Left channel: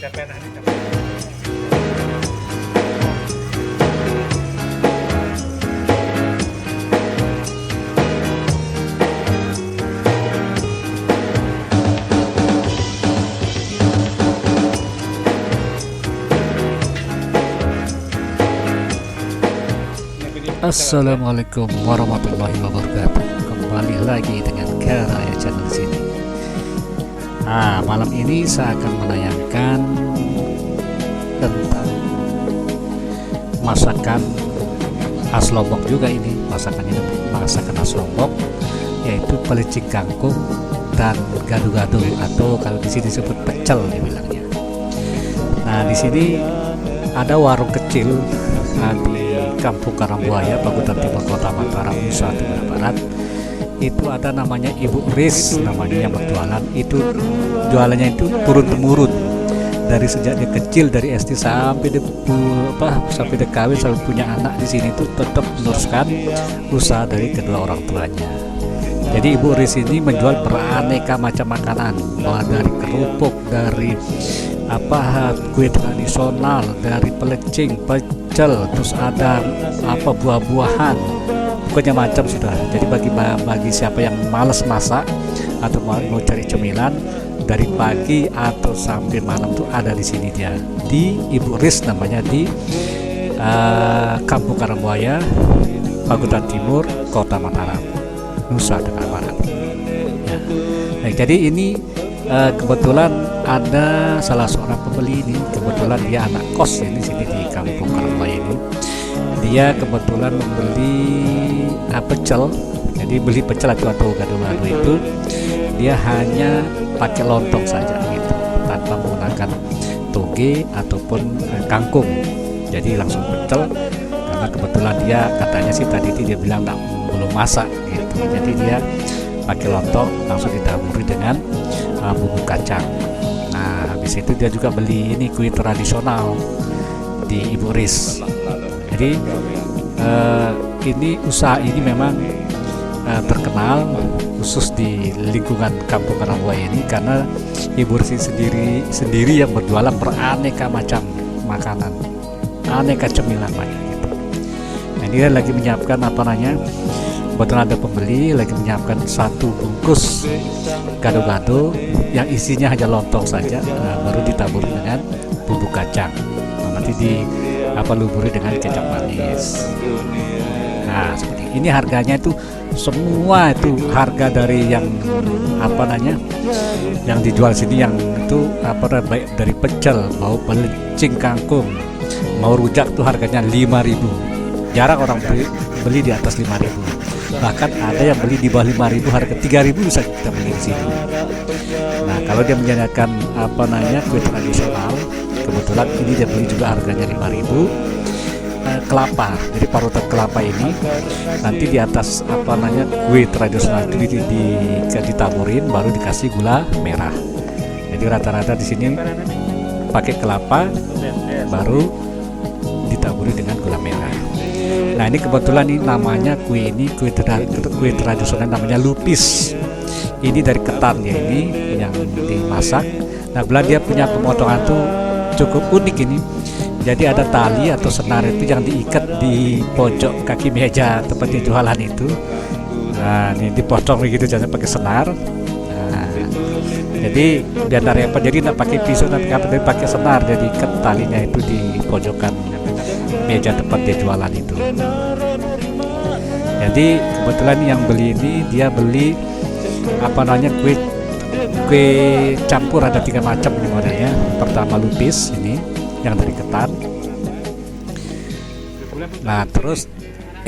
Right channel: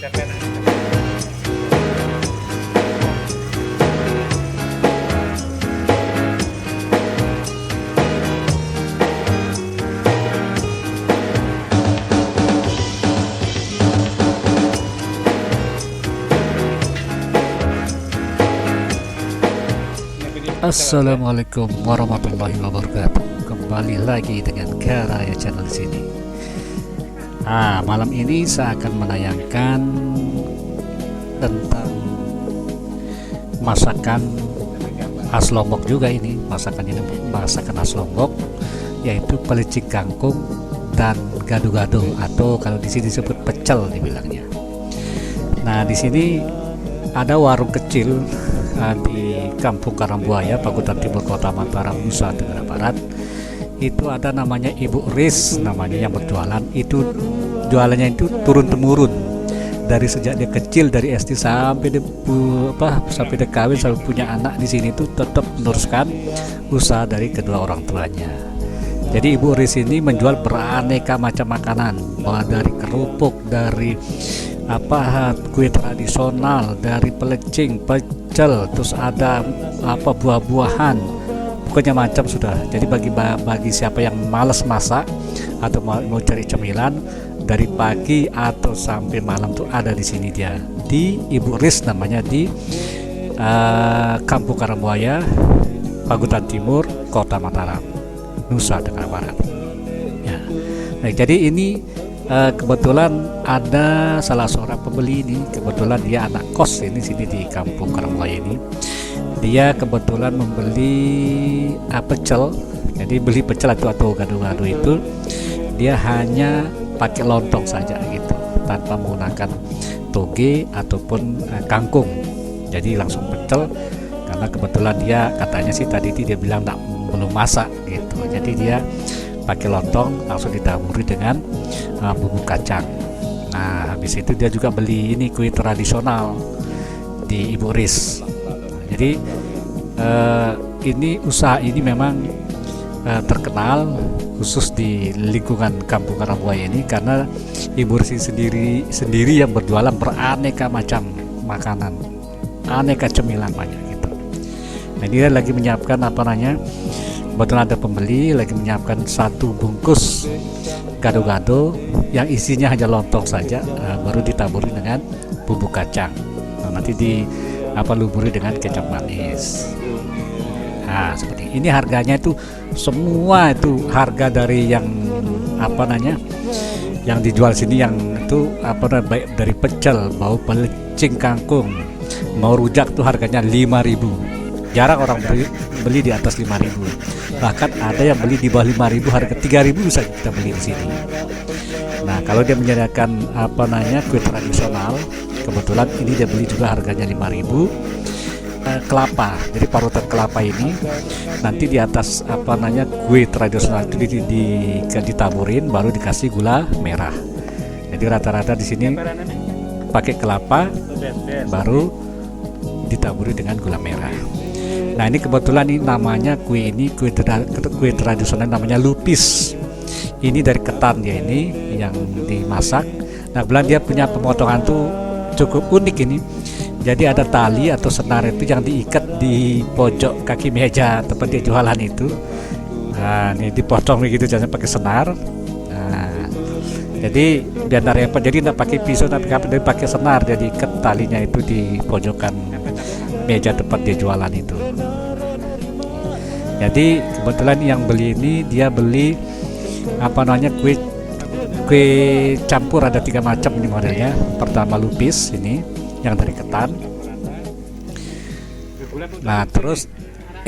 Assalamualaikum warahmatullahi wabarakatuh. Kembali lagi dengan Karaya Channel di sini. Malam ini saya akan menayangkan tentang masakan khas Lombok juga ini. Masakan khas Lombok, yaitu pelecing kangkung dan gado-gado, atau kalau di sini disebut pecel dibilangnya. Nah, di sini ada warung kecil di Kampung Karangbuaya, Pagutan Timur, Kota Mataram, Nusa Tenggara Barat. Itu ada namanya Ibu Riz, namanya yang berjualan. Itu jualannya itu turun temurun dari sejak dia kecil, dari SD sampai sampai dia kawin, sampai punya anak di sini, itu tetap meneruskan usaha dari kedua orang tuanya. Jadi Ibu Riz ini menjual beraneka macam makanan, dari kerupuk, dari kue tradisional, dari pelecing, pecel, terus ada buah-buahan, pokoknya macam sudah. Jadi bagi siapa yang malas masak atau mau cari cemilan, dari pagi atau sampai malam tuh ada di sini dia, di Ibu Riz namanya, di Kampung Karangbuaya, Pagutan Timur, Kota Mataram, Nusa Tenggara Barat. Ya. Nah, jadi ini kebetulan ada salah seorang pembeli ini, kebetulan dia anak kos ini sini di Kampung Karangbuaya ini. Dia kebetulan membeli pecel. Jadi beli pecel atau gado-gado itu dia hanya pakai lontong saja gitu, tanpa menggunakan toge ataupun kangkung. Jadi langsung pecel, karena kebetulan dia katanya sih tadi dia bilang belum masak gitu. Jadi dia pakai lontong langsung ditaburi dengan bumbu kacang. Nah, habis itu dia juga beli ini kue tradisional di Ibu Riz. Jadi ini usaha ini memang terkenal khusus di lingkungan Kampung Karangbuaya ini, karena Ibu Riz sendiri yang berjualan beraneka macam makanan, aneka cemilan banyak gitu. Nah, ini dia lagi menyiapkan kebetulan ada pembeli lagi menyiapkan satu bungkus gado-gado yang isinya hanya lontong saja, baru ditaburi dengan bumbu kacang. Nah, nanti lumuri dengan kecap manis. Nah, seperti ini. Harganya itu semua itu harga dari yang yang dijual sini, yang itu baik dari pecel, mau pelecing kangkung, mau rujak tuh harganya 5.000. Jarang orang beli di atas 5.000. Bahkan ada yang beli di bawah 5.000, harga 3.000 bisa kita beli di sini. Nah, kalau dia menyediakan kue tradisional, kebetulan ini dia beli juga harganya 5.000. Kelapa, jadi parutan kelapa ini nanti di atas kue tradisional itu ditaburin, baru dikasih gula merah. Jadi rata-rata di sini pakai kelapa, baru ditaburi dengan gula merah. Nah, ini kebetulan ini namanya kue tradisional namanya lupis. Ini dari ketan dia ini yang dimasak. Nah, kebetulan dia punya pemotongan tuh cukup unik ini. Jadi ada tali atau senar itu yang diikat di pojok kaki meja tempat dia jualan itu. Nah, ini dipotong begitu, jangan pakai senar. Nah, jadi biar tidak repot, jadi tidak pakai pisau, tapi pakai senar. Jadi ikat talinya itu di pojokan meja tempat dia jualan itu. Jadi kebetulan yang beli ini dia beli kue campur, ada 3 macam ini modelnya. Pertama lupis ini yang dari ketan. Nah, terus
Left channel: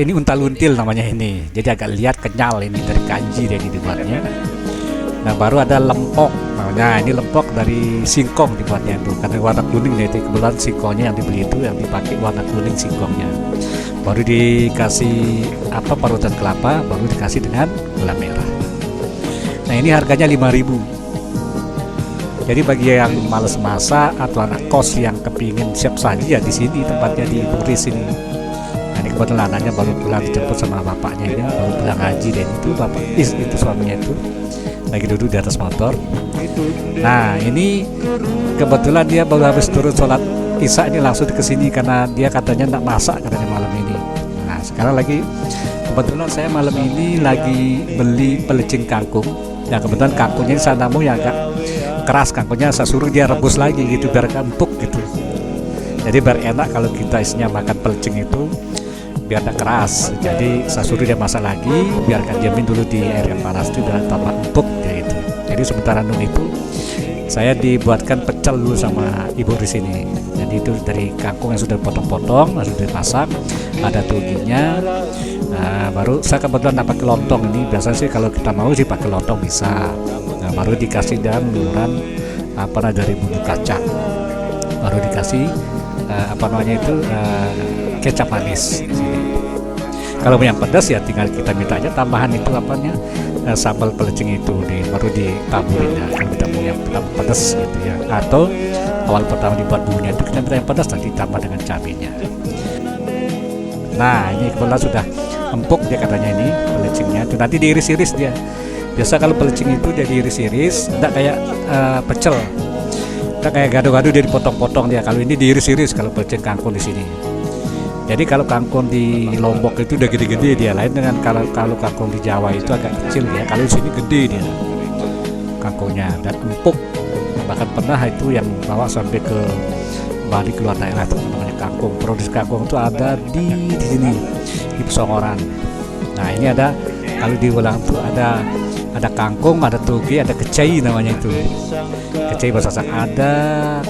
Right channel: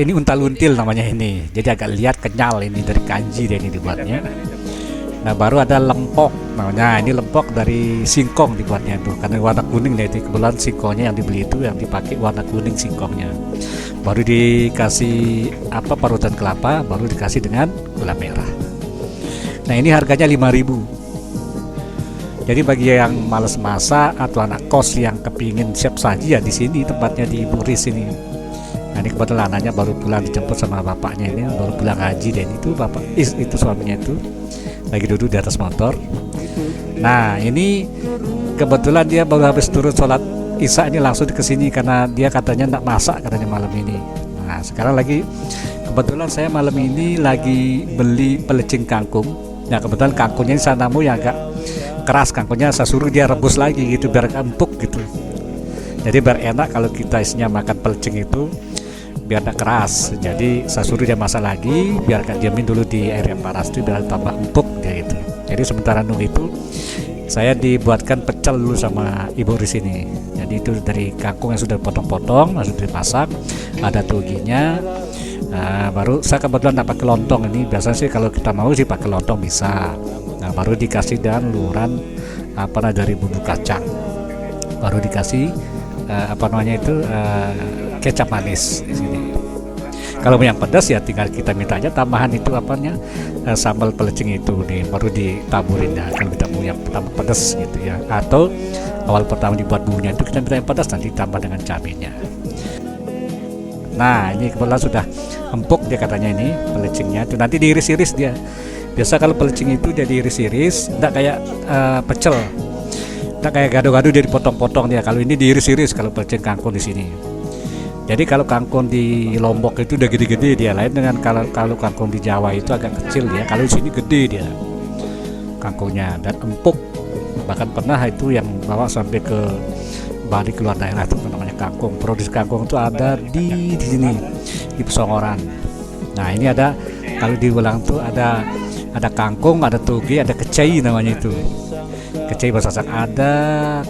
ini untal-until namanya ini. Jadi agak lihat kenyal, ini dari kanji dia ini dibuatnya. Nah, baru ada lempok namanya. Ini lempok dari singkong dibuatnya itu, karena warna kuning nih. Kebetulan singkongnya yang dibeli itu yang dipakai warna kuning singkongnya. Baru dikasih parutan kelapa, baru dikasih dengan gula merah. Nah, ini harganya 5.000. Jadi bagi yang males masak atau anak kos yang kepingin siap saji, ya di sini tempatnya, di Ibu Riz ini. Nah, ini kebetulan anaknya baru pulang, dijemput sama bapaknya, ini baru pulang ngaji, dan itu itu suaminya itu lagi duduk di atas motor. Nah, ini kebetulan dia baru habis turun sholat Isya ini langsung ke sini karena dia katanya enggak masak katanya malam ini. Nah, sekarang lagi kebetulan saya malam ini lagi beli pelecing kangkung. Nah, kebetulan kangkungnya ini sanamu yang agak keras, kangkungnya saya suruh dia rebus lagi gitu biar empuk gitu. Jadi biar enak kalau kita isinya makan pelecing itu biar enggak keras. Jadi saya suruh dia masak lagi, biarkan diamin dulu di air yang panas itu biar tambah empuk dia gitu. Jadi sementara nunggu itu saya dibuatkan pecel dulu sama ibu di sini. Jadi itu dari kangkung yang sudah potong-potong, sudah dimasak, ada tuginya. Nah, baru saya kebetulan dapat pakai lontong ini. Biasanya sih kalau kita mau sih pakai lontong bisa. Nah, baru dikasih dan luran dari bumbu kacang. Baru dikasih kecap manis di sini. Kalau yang pedas ya tinggal kita minta aja tambahan itu sambal pelecing itu baru ditaburin ya. Kalau kita mau yang pertama pedas gitu ya, atau awal pertama dibuat bumbunya itu kita minta yang pedas, nanti ditambah dengan cabenya. Nah, ini kebetulan sudah empuk dia katanya, ini pelecingnya itu nanti diiris-iris dia. Biasa kalau pelecing itu dia diiris-iris, enggak kayak pecel. Enggak kayak gado-gado dia dipotong-potong dia. Kalau ini diiris-iris kalau pelecing kangkung di sini. Jadi kalau kangkung di Lombok itu udah gede-gede dia, lain dengan kalau kangkung di Jawa itu agak kecil dia. Kalau di sini gede dia kangkungnya dan empuk. Bahkan pernah itu yang bawa sampai ke Bali, keluar daerah itu namanya kangkung. Produksi kangkung itu ada di sini di Pesongoran. Nah, ini ada kalau diulang tuh ada kangkung, ada toge, ada kecai namanya itu. Kecai bahasa Sasak, ada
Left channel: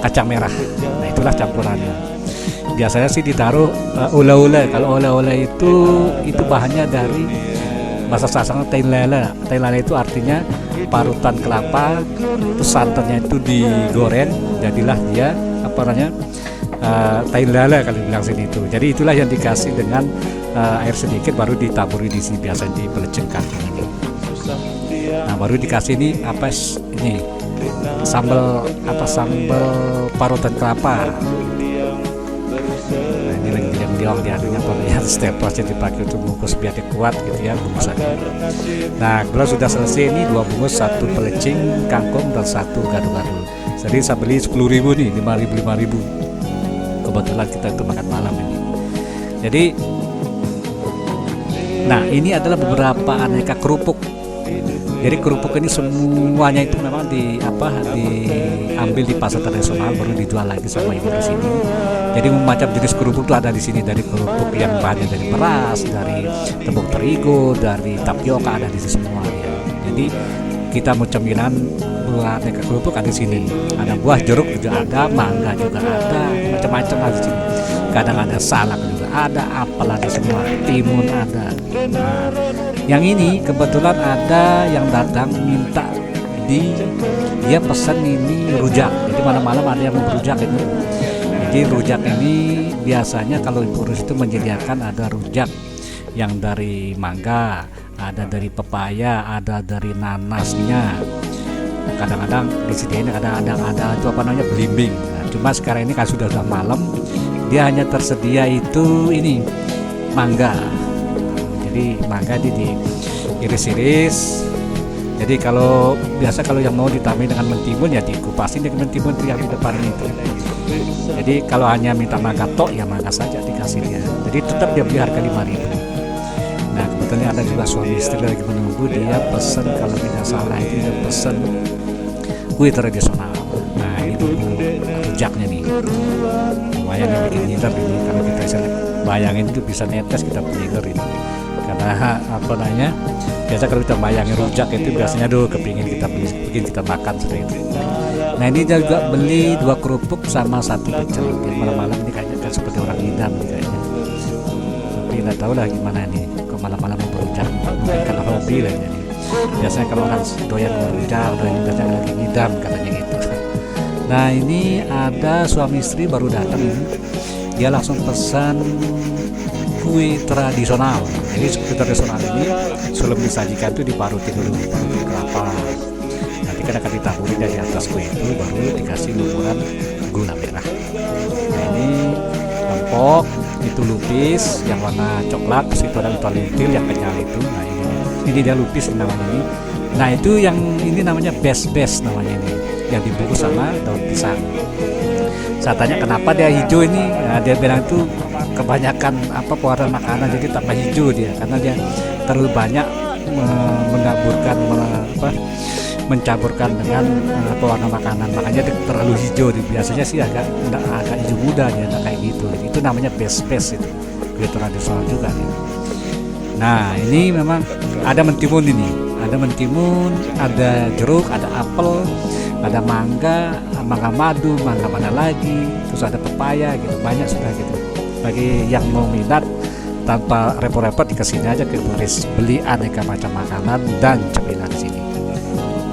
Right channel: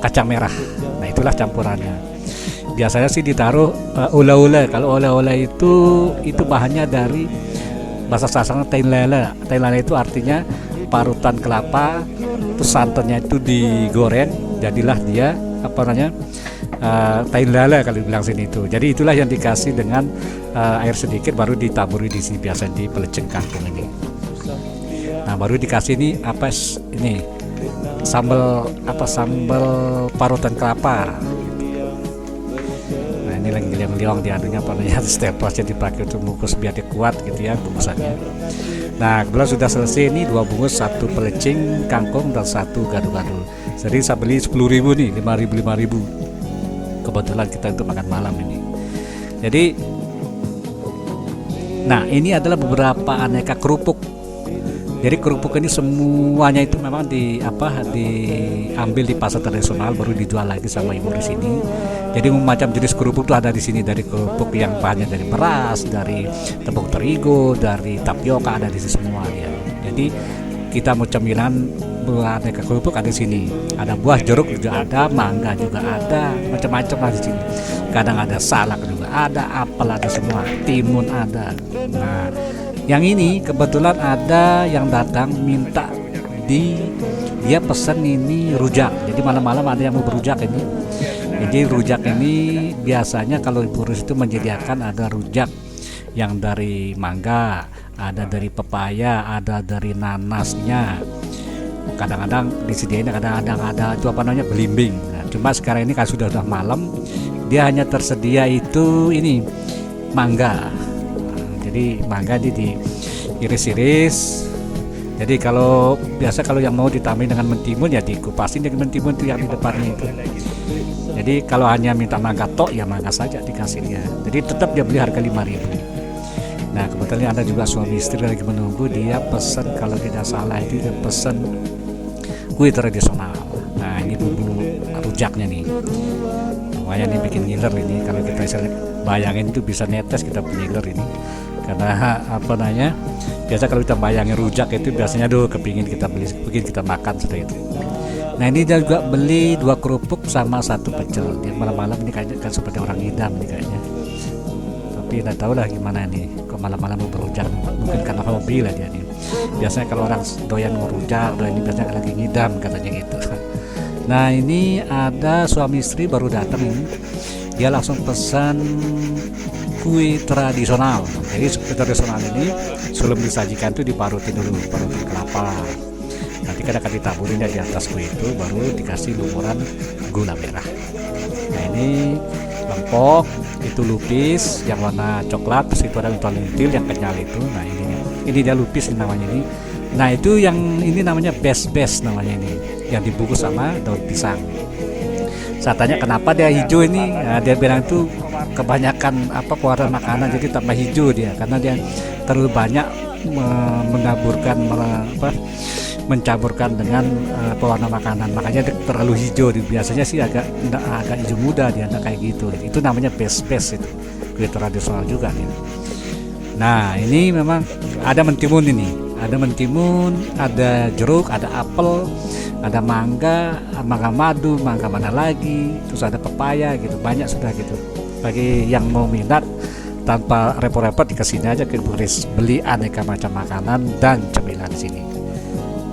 kacang merah. Nah, itulah campurannya. Biasanya sih ditaruh ula-ula. Kalau ula-ula itu bahannya dari bahasa Sasak tain lele. Tain lele itu artinya parutan kelapa, terus santannya itu digoreng, jadilah dia tain lele kalau dibilang sini itu. Jadi itulah yang dikasih dengan air sedikit, baru ditaburi di sini biasanya di pelecing kangkung ini. Nah, baru dikasih ini sambal parutan kelapa. Nah, ini lagi liang-liang di staples yang dipakai untuk bungkus biar dia kuat gitu ya bungkusannya. Nah, kebetulan sudah selesai ini 2 bungkus, 1 pelecing kangkung dan 1 gado-gado. Jadi saya beli 10.000 nih, 5.000. Kebetulan kita itu makan malam ini. Jadi nah, ini adalah beberapa aneka kerupuk. Jadi kerupuk ini semuanya itu memang diambil di pasar tradisional, baru dijual lagi sama ibu di sini. Jadi macam jenis kerupuk itu ada di sini, dari kerupuk yang bahannya dari beras, dari tepung terigu, dari tapioka, ada di sini semua dia. Jadi kita mau cemilan buah aneka kerupuk ada di sini. Ada buah jeruk juga ada, mangga juga ada, macam-macam lah di sini. Kadang ada salak juga ada, apel ada semua, timun ada. Nah, yang ini kebetulan ada yang datang minta dia pesan ini rujak. Jadi malam-malam ada yang mau berujak ini. Jadi rujak ini biasanya kalau ibu Rus itu menyediakan ada rujak yang dari mangga, ada dari pepaya, ada dari nanasnya. Kadang-kadang disediain, kadang-kadang ada itu belimbing. Nah, cuma sekarang ini kan sudah malam, dia hanya tersedia itu ini mangga. Jadi mangga diiris-iris. Jadi kalau yang mau ditambahin dengan mentimun ya dikupasin dengan mentimun itu yang di depannya itu. Jadi kalau hanya minta mangga tok ya mangga saja dikasih dia. Jadi tetap dia beli harga 5.000. Nah, kebetulan ada juga suami istri lagi menunggu, dia pesan kalau tidak salah itu dia pesan kue tradisional. Nah, ini bumbu rujaknya nih. Lumayan nih bikin ngiler ini, kalau kita bayangin itu bisa netes kita pengiler ini. Karena biasa kalau kita bayangin rujak itu biasanya kepingin kita beli, kepingin kita makan sudah itu. Nah, ini dia juga beli 2 kerupuk sama 1 pecel. Dia malam-malam ini kayaknya kan seperti orang ngidam nih kayaknya. Tapi nggak tahu lah gimana nih, kok malam-malam mau berujak, mungkin karena hobi lah dia nih. Biasanya kalau orang doyan ngerujak, doyan ini biasanya lagi ngidam katanya gitu. Nah, ini ada suami istri baru datang ini, dia langsung pesan kue tradisional. Jadi kue tradisional ini sebelum disajikan tuh diparutin dulu, parutin kelapa. Nanti kan akan ditaburin di atas kue itu, baru dikasih lumuran gula merah. Nah, ini lempok, itu lupis yang warna coklat, terus itu ada lintil yang kenyal itu. Nah, ini dia lupis namanya ini. Nah itu yang ini namanya bes namanya ini, yang dibungkus sama daun pisang. Saya tanya kenapa dia hijau ini, nah, dia bilang itu kebanyakan apa pewarna makanan jadi tambah hijau dia, karena dia terlalu banyak mencampurkan dengan pewarna makanan, makanya dia terlalu hijau. Biasanya sih agak hijau muda, dia enggak kayak gitu. Itu namanya bes itu, kue tradisional juga dia. Nah ini memang ada mentimun ini, ada mentimun, ada jeruk, ada apel, ada mangga madu, mangga mana lagi, terus ada pepaya gitu, banyak sudah gitu. Bagi yang mau minat tanpa repot-repot dikasih aja ke Ibu Riz, beli aneka macam makanan dan cemilan di sini.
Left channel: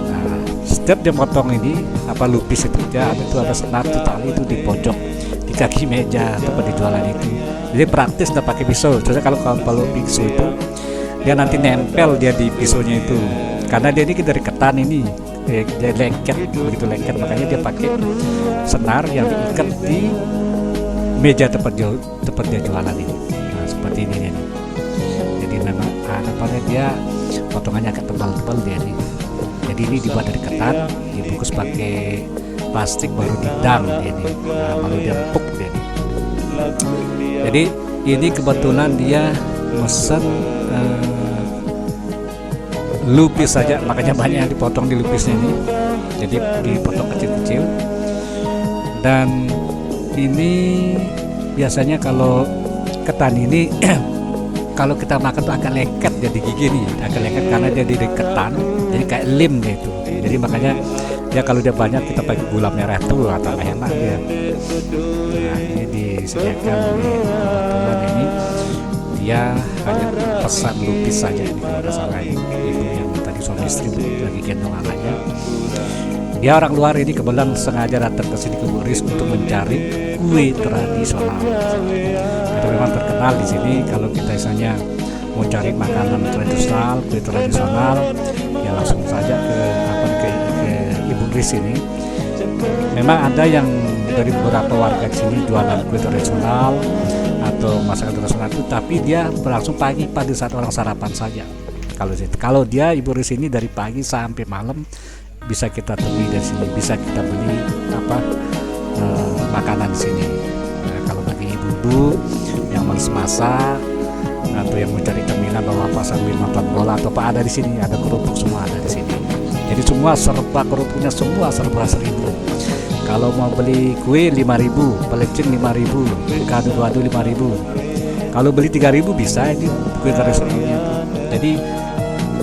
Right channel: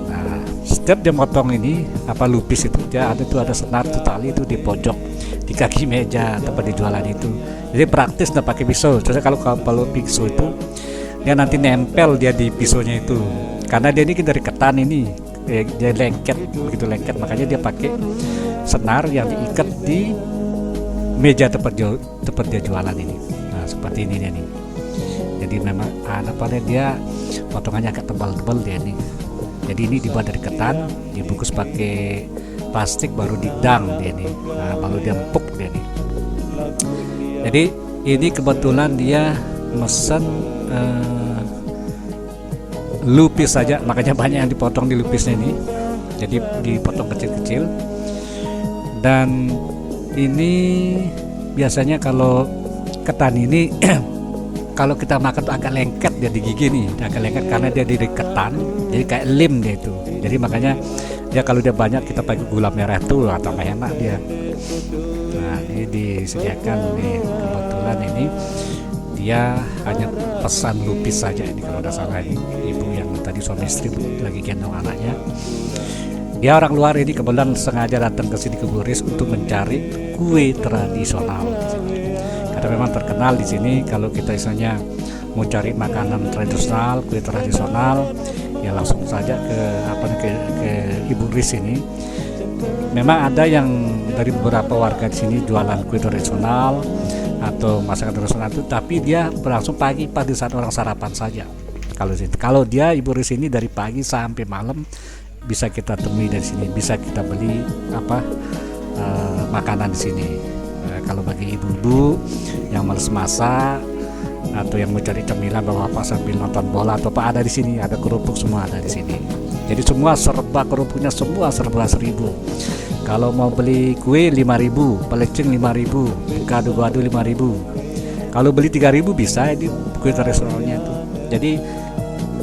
Nah setiap dia motong ini apa lupis itu dia ada senar tuh tali itu di pojok di kaki meja tempat dijualan itu, jadi praktis nggak pakai pisau. Soalnya kalau pisau itu dia nanti nempel dia di pisaunya itu, karena dia ini dari ketan ini, dia begitu lengket, makanya dia pakai senar yang diikat di meja tempat dia jualan ini. Nah seperti ini dia nih, jadi memang ada pada dia potongannya agak tebal-tebal dia nih. Jadi ini dibuat dari ketan, dibungkus pakai plastik, baru didang dia nih, nah, baru dia empuk dia nih. Jadi ini kebetulan dia mesen lupis saja, makanya banyak yang dipotong di lupisnya ini, jadi dipotong kecil-kecil. Dan ini biasanya kalau ketan ini kalau kita makan tuh agak lengket dia di gigi nih, agak lengket karena dia dari ketan, jadi kayak lem dia itu. Jadi makanya dia kalau dia banyak kita pakai gula merah tuh tambah enak dia. Nah ini disediakan nih, kebetulan ini dia hanya pesan lupis saja ini kalau tidak salah. Ini ibu yang tadi suami istri lagi gendong anaknya, dia orang luar ini kebetulan sengaja datang ke sini ke Bu Riz untuk mencari kue tradisional di sini. Karena memang terkenal di sini kalau kita misalnya mau cari makanan tradisional, kue tradisional, ya langsung saja ke Ibu Riz ini. Memang ada yang dari beberapa warga di sini jualan kue tradisional atau masakan tradisional itu, tapi dia berlangsung pagi pada saat orang sarapan saja. Kalau dia Ibu Riz ini dari pagi sampai malam bisa kita temui dari sini, bisa kita beli makanan di sini. Kalau bagi ibu-ibu yang males masak atau yang mau cari cemilan bawa apa sambil nonton bola atau apa, ada di sini, ada kerupuk semua ada di sini. Jadi semua serba kerupuknya semua serba 1.000. Kalau mau beli kue 5.000, pelecing 5.000, gado-gado 5.000. Kalau beli 3.000 bisa, ini kue tradisionalnya itu. Jadi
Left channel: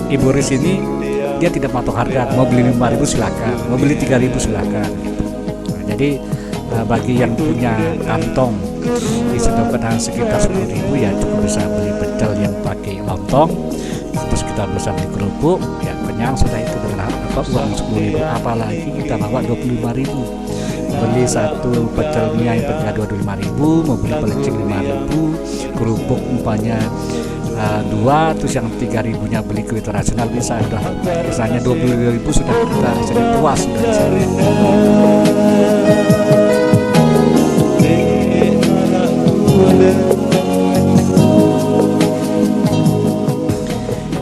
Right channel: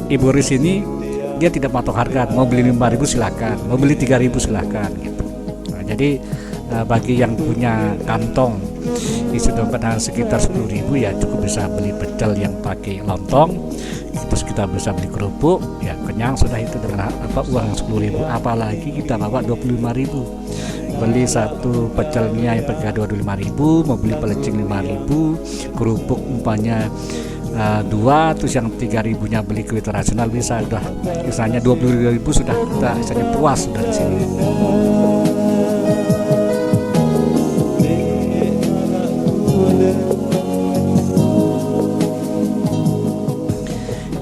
Ibu Riz ini dia tidak matok harga, mau beli 5.000 silakan, mau beli 3.000 silakan gitu. Nah, jadi bagi yang punya kantong isi dompet hanya sekitar 10.000 ya cukup bisa beli pecel yang pakai lontong, terus kita bisa beli kerupuk ya kenyang sudah itu dengan uang 10.000. Apalagi kita bawa 25.000, beli satu pecelnya yang pakai gado 5.000, mau beli pelecing 5.000, kerupuk umpamanya 2, terus yang 3.000 nya beli kue tradisional, bisa udah misalnya 22.000 sudah kita misalnya puas sudah di sini.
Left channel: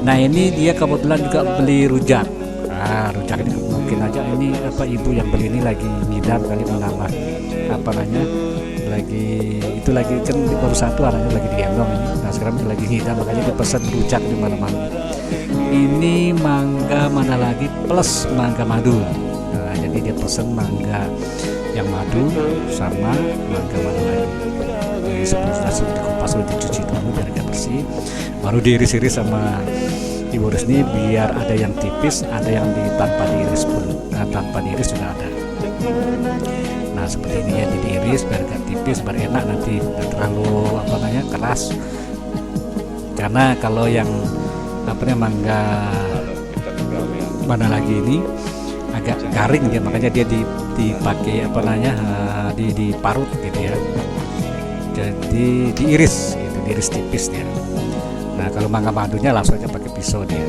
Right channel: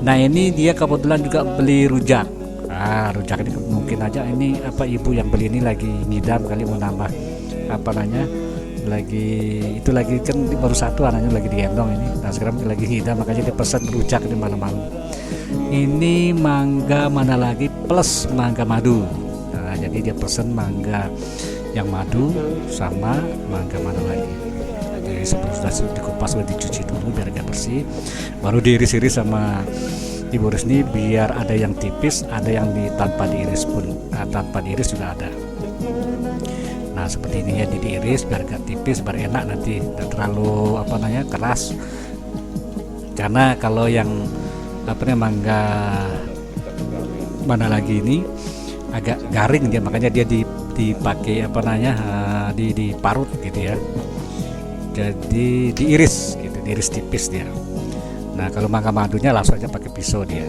Nah ini dia kebetulan juga beli rujak. Rujak ini mungkin aja ini ibu yang beli ini lagi ngidam kali, mau nambah lagi kan baru satu anaknya lagi digendong ini. Nah sekarang lagi ngidam, makanya dia pesan rujak ini malam-malam. Ini mangga mana lagi plus mangga madu. Nah jadi dia pesan mangga yang madu sama mangga mana lagi. Jadi sebelum sudah dikupas sudah dicuci dulu biar agak bersih, baru diiris-iris sama Ibu Riz ini biar ada yang tipis, ada yang tanpa diiris pun, tanpa diiris juga ada. Nah seperti ini ya, diiris biar agak tipis, biar enak nanti, nggak terlalu keras. Karena kalau yang mangga mana lagi ini agak garing dia, makanya dia dipakai diparut gitu ya. Jadi diiris gitu, diiris tipis dia. Nah kalau mangga madunya langsung aja pakai pisau dia.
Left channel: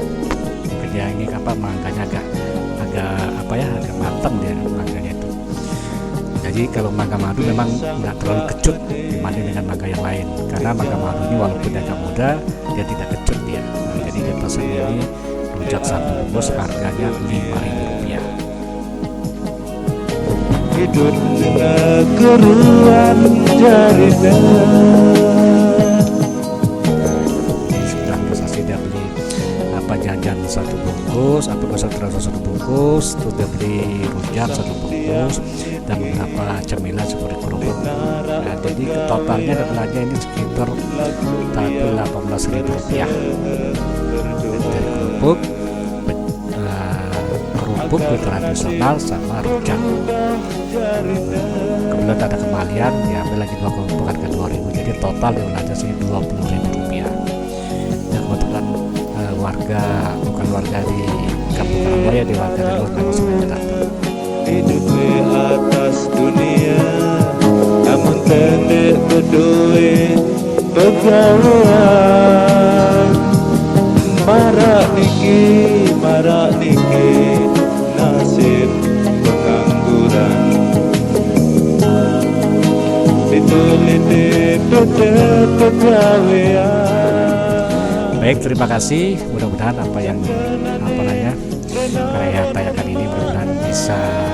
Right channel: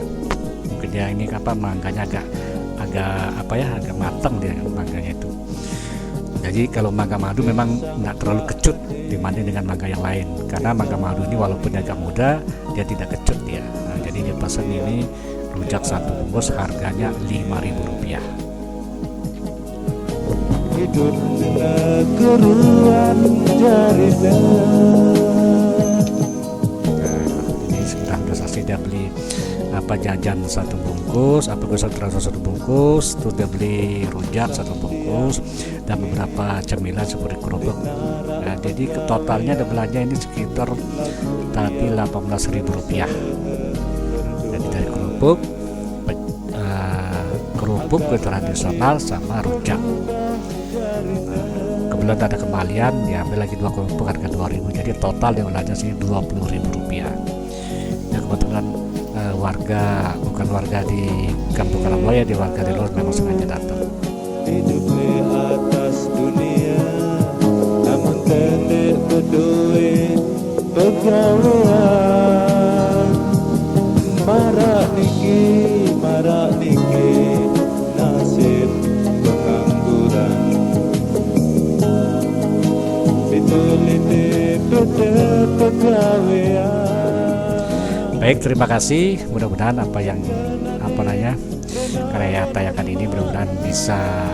Mungkin dia ini mangganya agak matang dia mangganya itu. Jadi kalau mangga madu memang nggak terlalu kecut dibanding dengan mangga yang lain, karena mangga madu ini walaupun agak muda dia tidak kecut dia. Nah, Nah, jadi dia pesan ini rujak satu bungkus harganya Rp5.000. Nah, ini sudah selesai, dia beli jajan satu bungkus, satu bungkus, terus dia beli rujak satu bungkus dan beberapa cemilan seperti kerupuk. Nah, jadi totalnya ada belanja ini sekitar tadi Rp18.000. Jadi dari kerupuk, kue tradisional sama rujak. Nah, kebetulan ada kembalian, diambil lagi 2 kerupuk harga Rp2.000, jadi total dia belanja sini Rp20.000. Ya kebetulan bukan warga di Kampung Karangbuaya, di warga di luar memang sengaja datang. Baik, terima kasih. Mudah-mudahan karya tayangkan ini mudah-mudahan bisa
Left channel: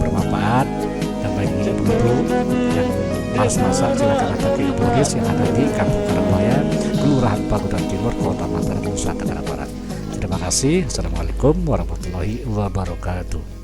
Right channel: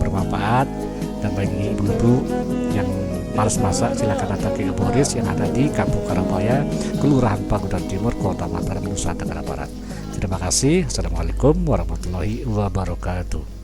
bermanfaat, dan bagi ibu-ibu yang malas masak silakan datang ke Ibu Riz yang ada di Kampung Karangbuaya, Kelurahan Pagudan Timur, Kota Mataram, Nusa Tenggara Barat. Terima kasih. Assalamualaikum warahmatullahi wabarakatuh.